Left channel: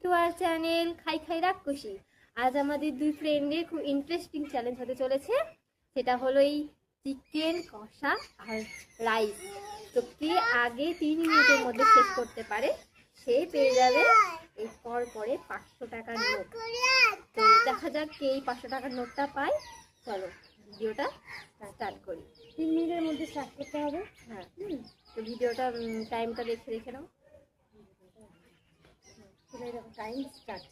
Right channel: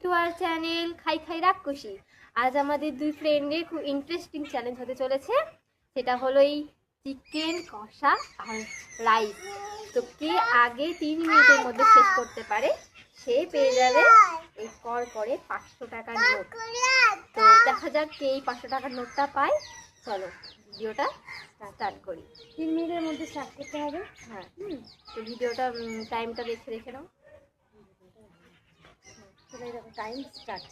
To our channel খাই খাই রাক্ষসী। আজ আমাদের দুই ফ্রেন্ডের খুব ইন্টারেস্টিং চ্যালেঞ্জ হতে চলেছে। সেটা হলো এই চিকেন কষা আর রাইস। তো কে আগে 3 মিনিটের মধ্যে শেষ করতে পারে সে পেয়ে যাবে এই কর করে 500 টাকার নোট। তো দেখা যাক কে এই 500 টাকার নোটটা পায়। চলো ভিডিওটা স্টার্ট করি। 3 মিনিটের মধ্যে স্টার্ট করতে হবে। হ্যাঁ, তো ভিডিওটা টাইমটা দেখে রেখে নাও। চলে যাবে, টাইম স্টার্ট।